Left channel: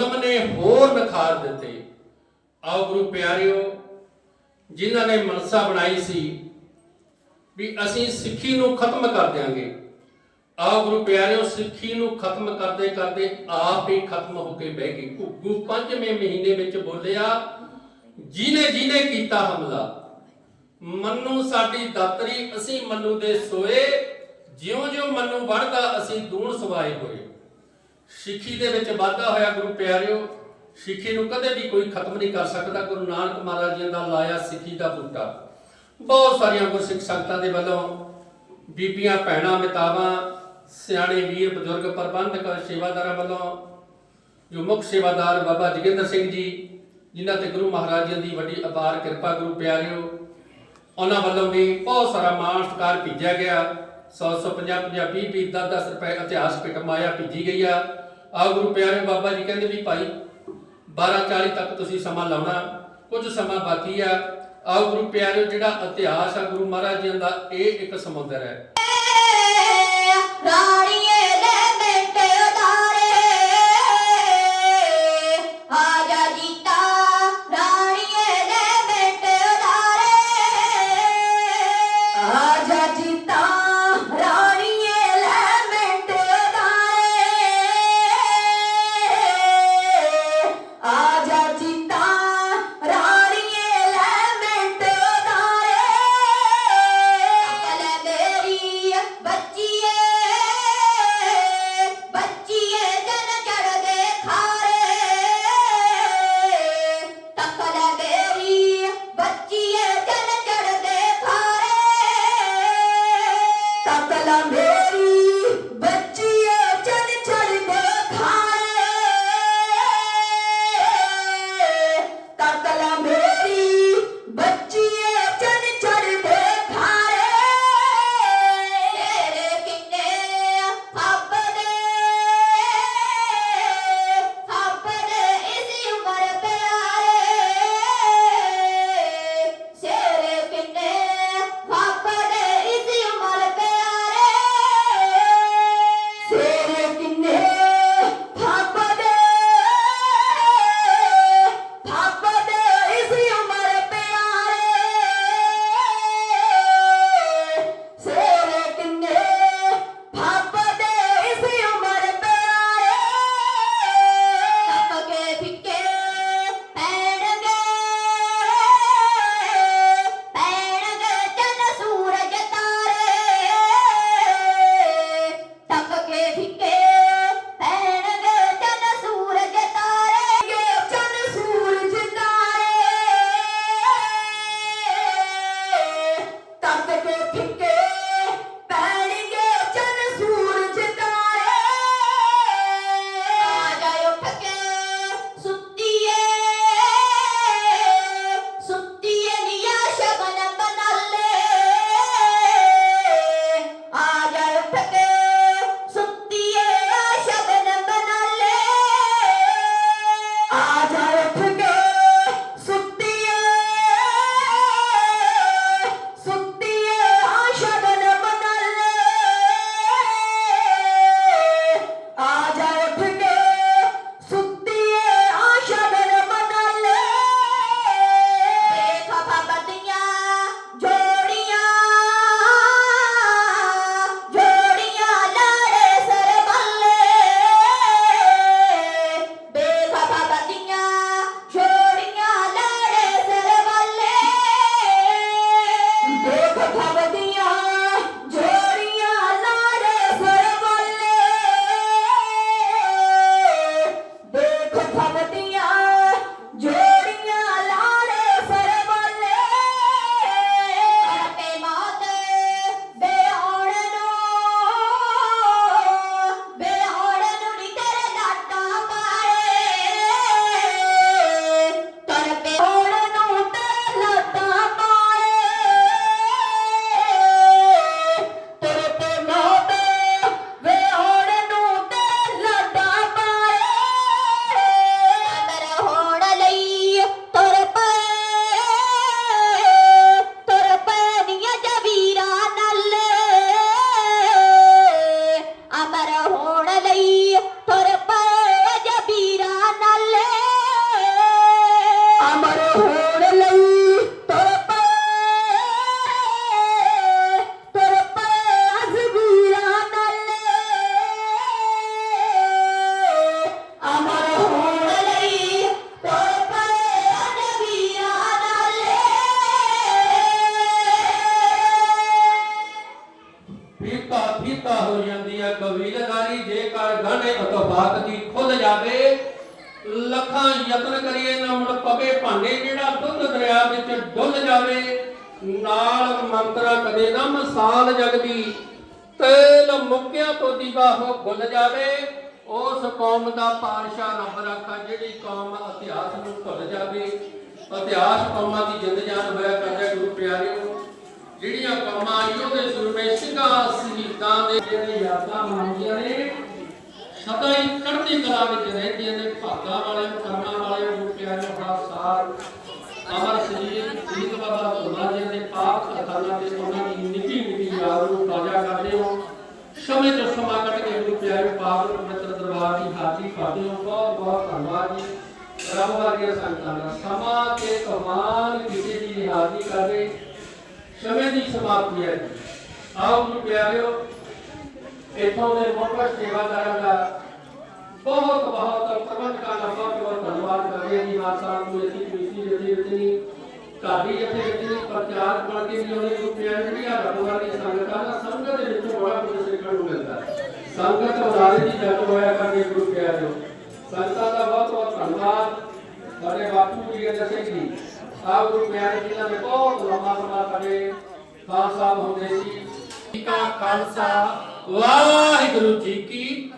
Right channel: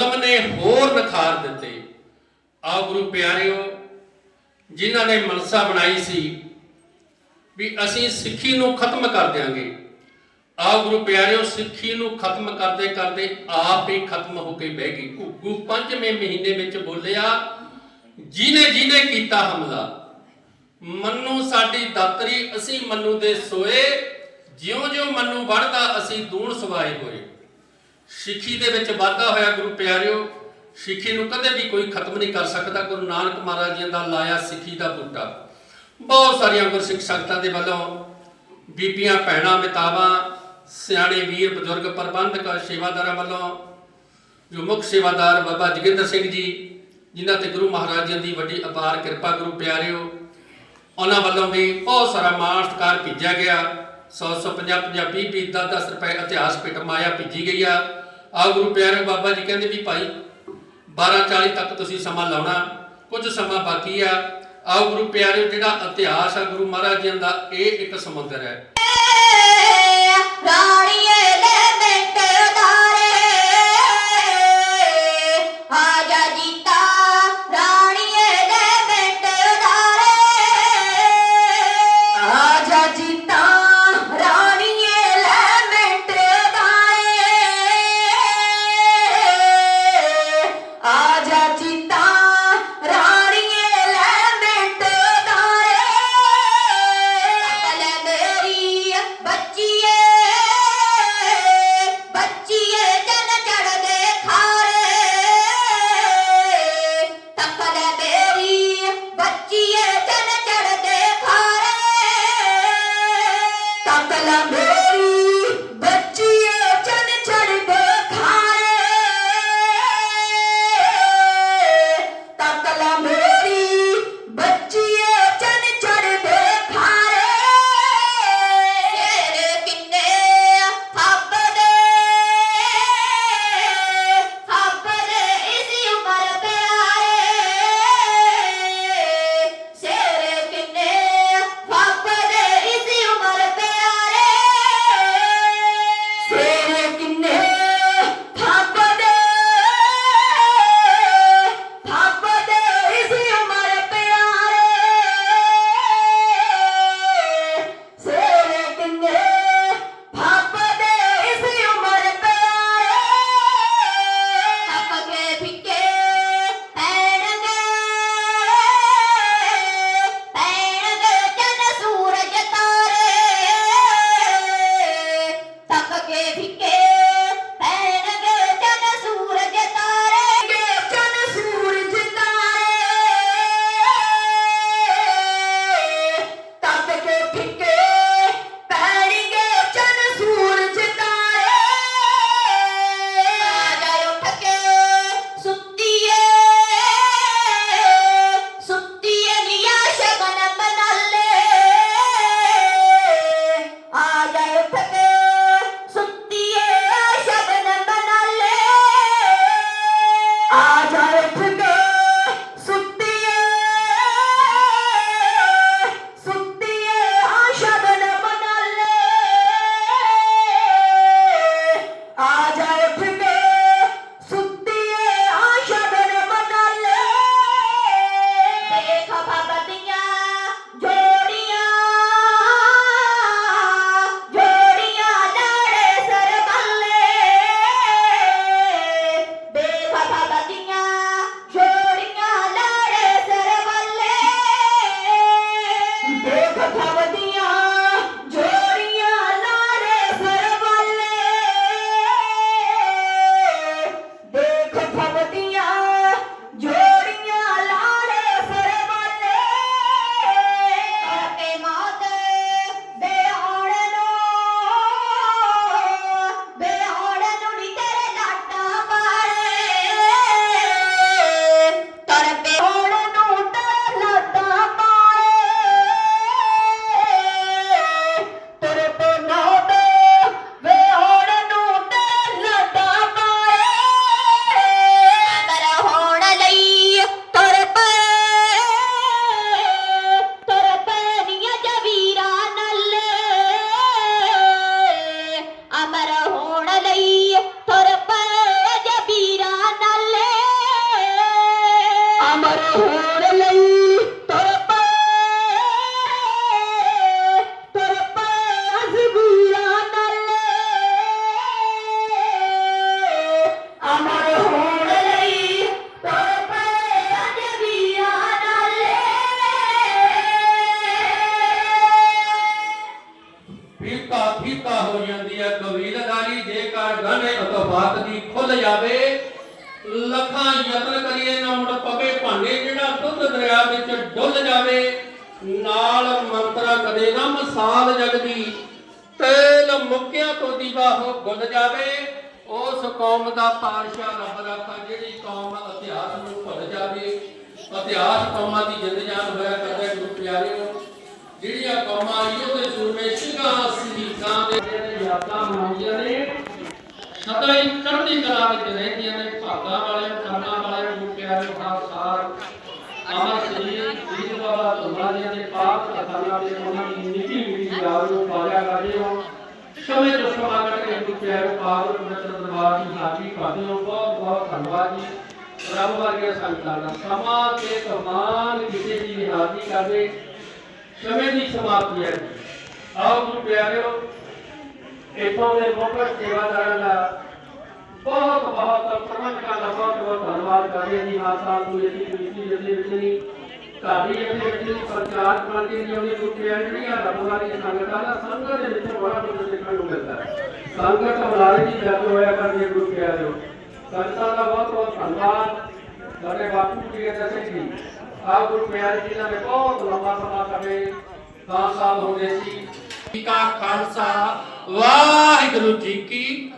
ਜ਼ੁਲਮ ਨੇ ਹੋਰ ਨਖਾਰ ਦਿੱਤੇ। ਆਓ ਗੁਰੂ ਪਿਆਰਿਓ, ਜਿਨ੍ਹਾਂ ਨੇ ਮਨਸਾ ਬਣਾਈ ਸੀ ਵੀ ਅਸੀਂ ਸਿੱਖੀ ਨੂੰ ਖਤਮ ਕਰ ਦਿਆਂਗੇ। ਆਓ ਗੁਰੂ ਪਿਆਰਿਓ, ਸਿੱਖੀ ਨੂੰ ਖਤਮ ਕਰਦੇ ਕਰਦੇ ਆਪ ਹੀ ਖਤਮ ਹੋ ਕੇ ਬਹਿ ਗਈ ਘੁੱਗੂ ਪੰਜਵੇਂ ਮਹੀਨੇ ਵਿੱਚ ਬੋਲਿਆ ਜਿਨੇ ਜਿਨੇ ਕੀਤਾ ਹਮਲਾ, ਮੰਨੂ ਸਾਡੀ ਦਾਤਰੀ, ਅਸੀਂ ਮੰਨੂ ਦੇ ਸੋਏ, ਜਿਉਂ-ਜਿਉਂ ਮੰਨੂ ਵੜਦਾ ਅਸੀਂ ਦੂਣ ਸਵਾਏ ਹੋਏ। ਸਿੱਖੀ ਦੇ ਵਿੱਚ ਵਾਧਾ ਹੋਇਆ ਗੁਰੂ ਪਿਆਰਿਓ, ਸਿੱਖੀ ਨੂੰ ਕਦੇ ਵੀ ਕੋਈ ਖਤਮ ਨਹੀਂ ਕਰ ਸਕਦਾ। ਗੁਰੂ ਨਾਨਕ ਮਹਾਰਾਜ ਜੀ ਦਾ ਲਾਇਆ ਸਿੱਖੀ ਦਾ ਬੂਟਾ। ਬਹੁਤ ਸਾਰੀਆਂ ਗੁਰਸਿੱਖ ਸੰਗਤਾਂ ਦੇ ਵੱਲੋਂ ਬੀਬੀਆਂ, ਭੈਣਾਂ, ਮਿਤਾਵਾਂ, ਸਿਆਣੇ, ਵੀਰ, ਬਜ਼ੁਰਗ, ਪ੍ਰਬੰਧਕ, ਸੇਵਾਦਾਰਾਂ ਵੱਲੋਂ ਜੋ ਮੁੱਖ ਸੇਵਾਦਾਰ ਬਾਬਾ ਜੋਗਿੰਦਰ ਸਿੰਘ ਜੀ, ਜਿਨ੍ਹਾਂ ਤੇ ਗੁਰੂ ਮਹਾਰਾਜ ਜੀ ਦੀ ਵੱਡੀ ਅਪਾਰ ਕਿਰਪਾ ਗੁਰੂ ਪਿਆਰਿਓ, ਉਹਨਾਂ ਵੱਲੋਂ ਵੀ ਬਹੁਤ ਸਾਰਾ ਮਾਣ ਸਤਿਕਾਰ ਭੇਜਿਆ ਗਿਆ। 150 50 20 20 10 10 ਰੁਪਏ ਇਤਿਹਾਸ ਪਿੱਟ ਮਾਇਆ ਭੇਜੀ ਗਈ ਆ। ਆ ਗੁਰੂ ਪਿਆਰੇ ਬਾਬਾ ਜੀ ਕਹਿੰਦੇ ਵੀ ਭਾਈ 12 40 ਤੱਕ ਤੁਸੀਂ ਸਮਾਂ ਲਾਉਣਾ, ਕੁਝ ਸਮਾਂ ਬਾਕੀ ਆ। ਆਓ ਗੁਰੂ ਪਿਆਰੇ ਜਿਹੜਾ ਇਤਿਹਾਸ ਆ ਗੁਰੂ ਮਹਾਰਾਜ ਜੀ ਦਾ, ਇਹ ਇੱਕ ਸਮੁੰਦਰ ਹੈ। hasta la mesa. ਫੀਤਾ ਫੀਤਾ ਹੋ ਜਾਂਦੀ ਹੈ ਕਵੀ ਲਗਾਲੀ ਜੇਕਰ ਗਾਣੇ ਅਤਫਾਤ ਦੀ ਖੁੱਲ ਜਾਵੇ, ਲੱਖਾਂ ਯਤਨ ਕਰੀਏ ਨਾ ਮੁੜ ਪਵੇ ਭਾਂਡੇ, ਜਿਹੜਾ ਦੁੱਧ ਦਰਿਆ ਵਿੱਚ ਡੁੱਲ ਜਾਵੇ, ਨਾਲ ਮੰਤਰਾ ਕਦੇ ਨਾ ਮਸਾਲ ਜਗਦੀ, ਤੇਲ ਮੁੱਕਿਆਂ ਤੋਂ ਦੀਵਾ ਹੋ ਗੁੱਲ ਜਾਵੇ, ਉਸ ਕੌਮ ਦਾ ਪਾਰਸ਼ਾ ਰੱਬ ਰੱਖਾ, ਜਿਹੜੀ ਕੌਮ ਇਤਿਹਾਸ ਨੂੰ ਭੁੱਲ ਜਾਵੇ, ਇਤਿਹਾਸ ਕੌਮਾਂ ਦੀ ਜਿੰਦ ਜਾਨ ਹੋਇਆ ਕਰਦਾ ਗੁਰੂ ਪਿਆਰੇ ਨੂੰ ਜਿਹੜੀਆਂ ਕੌਮਾਂ ਆਈਓ ਦੇ ਸੂਰਮੇ ਸਿੰਘਾਂ ਸ਼ਹੀਦਾਂ ਦੇ ਜਿਹੜੇ ਯਾਦਾਂ ਮਨਾਉਂਦੀਆਂ ਨੇ। ਸਦਾ ਹੀ ਚੜ੍ਹਦੀ ਕਲਾ ਵਿੱਚ ਰਹਿੰਦੀਆਂ ਨੇ, ਭਾਗਾ ਵਾਲਿਆਂ ਕਰਮਾਂ ਵਾਲਿਆਂ ਨੂੰ ਪਿਆਰਿਓ ਖਾਲਸਾ ਅਮਰ ਸਰੀਰ ਸ੍ਰੀ ਬਾਬਾ ਤੁਮਾ ਜੀ ਦੇ ਪਾਕ ਕਥਾਵਾਂ ਦੇ ਉਹਨਾਂ ਦੀ ਨਿੱਕੀ ਨਿੱਕੀ ਯਾਦ ਨੂੰ ਤਾਜ਼ਾ ਕਰਦੇ ਹੋ। ਸਮੇਂ ਤੋਂ ਸਮਾਂ ਕੱਢ ਕੇ ਗੁਰੂ ਪਿਆਰਿਓ ਪਾਵਨ ਪਵਿੱਤਰ ਦਰਬਾਰ ਦੀ ਹਾਜ਼ਰੀ ਕਰਦੇ ਹੋ। ਬਹੁਤ ਬਹੁਤ ਧੰਨਵਾਦ ਜੀ। ਰੱਬ ਵਰਗੇ ਸੰਗਤਾਂ ਦਾ ਸਮਾਂ ਤੇ ਕਮਾਲ ਕਿਸੇ ਦੀ ਵੀ ਹਾਜ਼ਰੀ ਕਰਦੇ ਸਮੇਂ ਦੀ ਸਮਾਪਤੀ ਹੈ ਜੀ। ਆਓ ਗੁਰੂ ਪਿਆਰਿਓ ਇੱਥੋਂ ਦੇ ਮੁੱਖ ਸੇਵਾਦਾਰਾਂ ਦਾ ਬਹੁਤ ਬਹੁਤ ਪ੍ਰਬੰਧ ਦਾ ਬਹੁਤ ਬਹੁਤ ਧੰਨਵਾਦ ਕਰਦੇ ਹਾਂ ਜੀ ਮਾਤਾ ਨੂੰ ਇਹ ਕਮੇਟੀ ਜਿਹੜੀ ਜਿਹੜੀ ਕਾਦੀ ਇੱਥੇ ਜਿਹੜੀ ਪ੍ਰਚਾਰ ਕਮੇਟੀ ਦੀ ਉਹਨੇ ਕੀਤੀ ਹੈ ਜਿਹੜੀ ਆ ਰਬੂਆ ਦੀ ਸੰਗਤਾਂ ਦਾ ਸੰਗਤ ਦੇ ਵਿੱਚੋਂ ਬੜਾ ਕੁਝ ਸਿੱਖਣ ਨੂੰ ਮਿਲਦਾ ਹੈ ਸੰਗਤ ਉਦਾਰੇ ਦੀ ਜਦ ਹੋਇਆ ਕਰਦੇ ਗੁਰੂ ਪਿਆਰਿਓ ਸੰਗਤਾਂ ਦਾ ਬਹੁਤ ਬਹੁਤ ਧੰਨਵਾਦ ਸਾਡੇ ਬਾਪੂ ਜੀ ਦੇ ਦੱਸੇ ਜੀ ਆਪ ਗੁਰੂ ਪਿਆਰੇ ਜੀ ਨਾਲ ਬਹੁਤ ਲੰਮਾ ਸਮਾਂ ਕਰੇ ਤਾਂ ਸਾਲ ਹੋ ਗਏ ਸੀ। ਜੀ ਕਾ ਖਾਲਸਾ। ਵਾਹਿਗੁਰੂ ਜੀ ਕੀ